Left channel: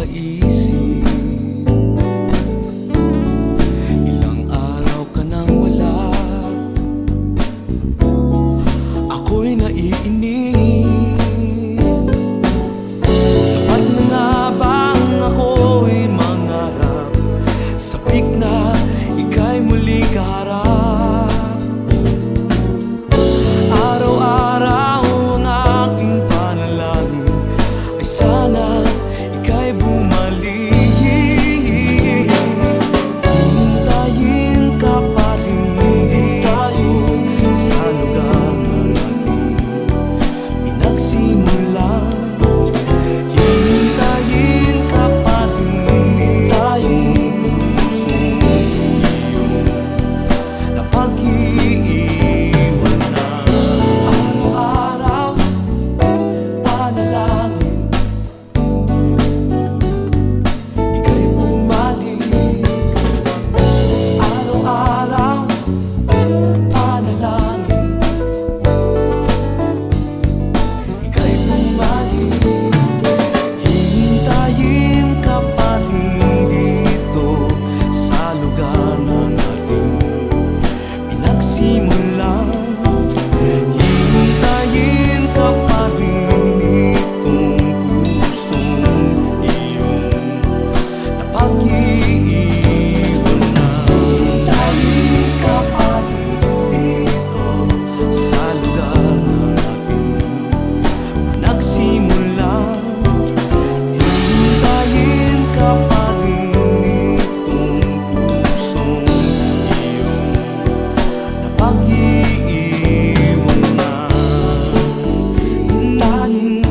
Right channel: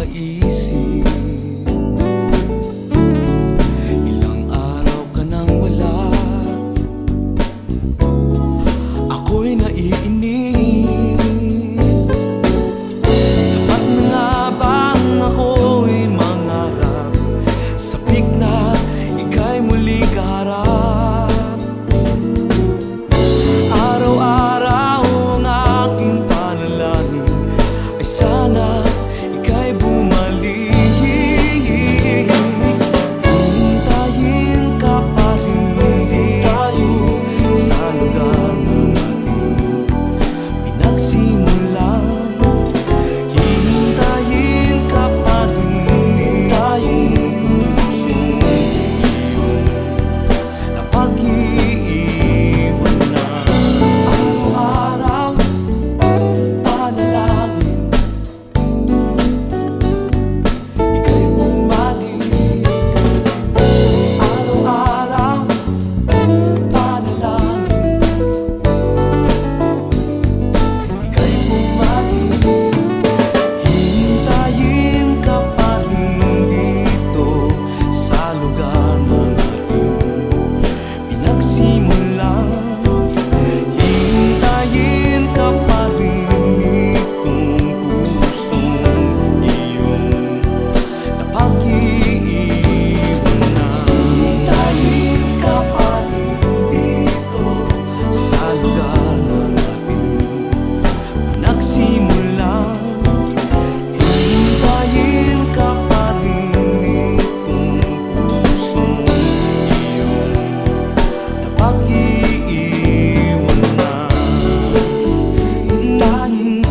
sa isip. Ilang araw ka nang wala, ako'y naiinip. Sapat na nga bang ako'y mangarap, sabik na ika'y muling kaharap? Araw-araw ang aking panalangin ay sana ika'y bumalik. Hintayin ka pa rin sa lugar na natin pinagsimulan. Hintayin ka pa rin pusong iyong napag-iiwan na. Araw-araw panalangin, ika'y bumalik. Araw-araw panalangin, ika'y bumalik. Hintayin ka pa rin dito sa lugar na nating pinagsimulan. Hintayin ka pa rin itong pusong iyong napag-iiwan na. Hintayin ka pa rin dito sa lugar na natin nagsimulan. Hintayin ka pa rin itong pusong iyong napag-iiwan na. Hintayin